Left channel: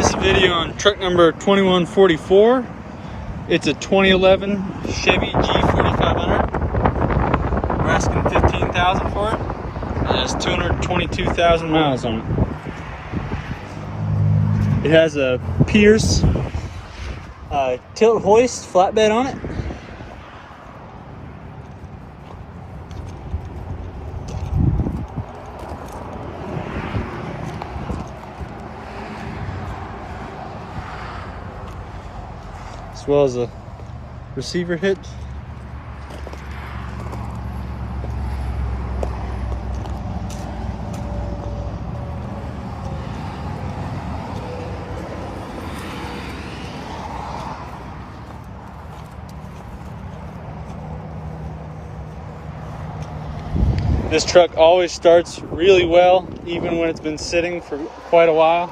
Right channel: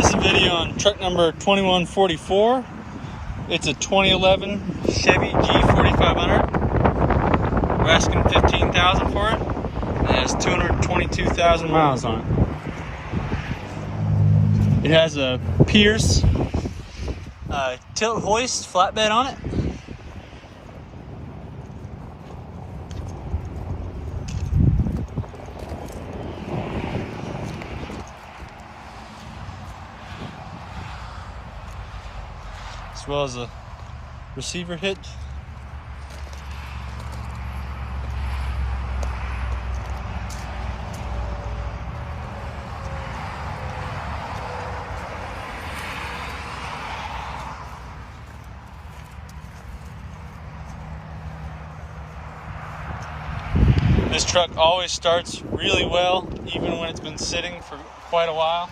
This is a video on truck number 2144. It's a 2011 Chevy G4500. I'm asking $15,000 for it. It has 222,000 miles on it. It has a Pierce tilt hoist flatbed on it. As well as a receiver hitch. This truck always starts really well, even when it's been sitting for quite a while.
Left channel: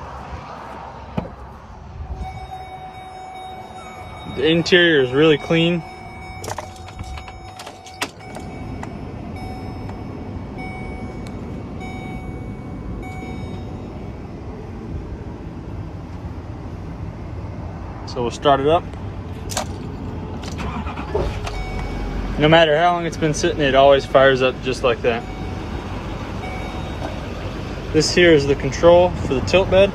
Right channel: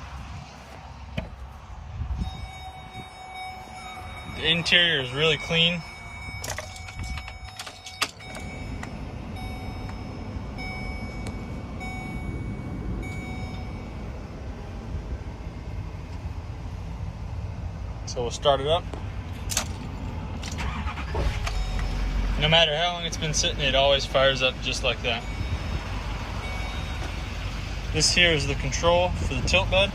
The interior is really clean. So we'll start it up. No matter how long it's been sitting, it always fires up just like that. This here is the control for the tilt bed.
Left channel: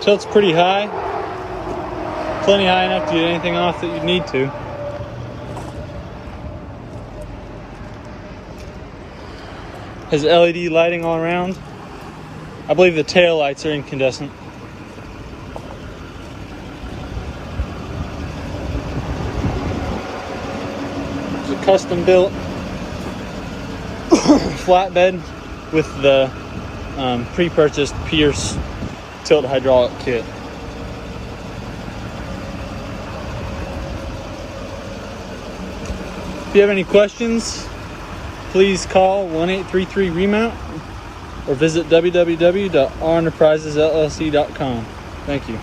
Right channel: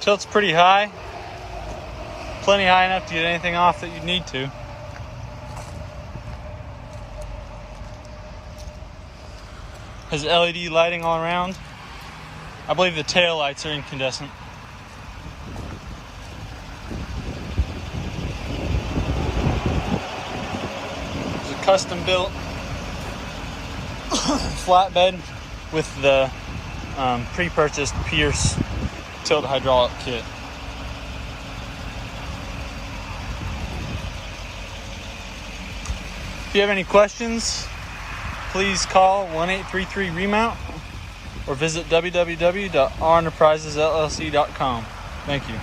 Tilt's pretty high, plenty high enough to get anything off that you need to. Has LED lighting all around. I believe the tail lights are incandescent. It's a custom built flatbed with the pre-purchased Pierce tilt hydraulic kit. If you have any questions, please call 1-833-REMOUNT or visit www.renterprisesllc.com. Thank you.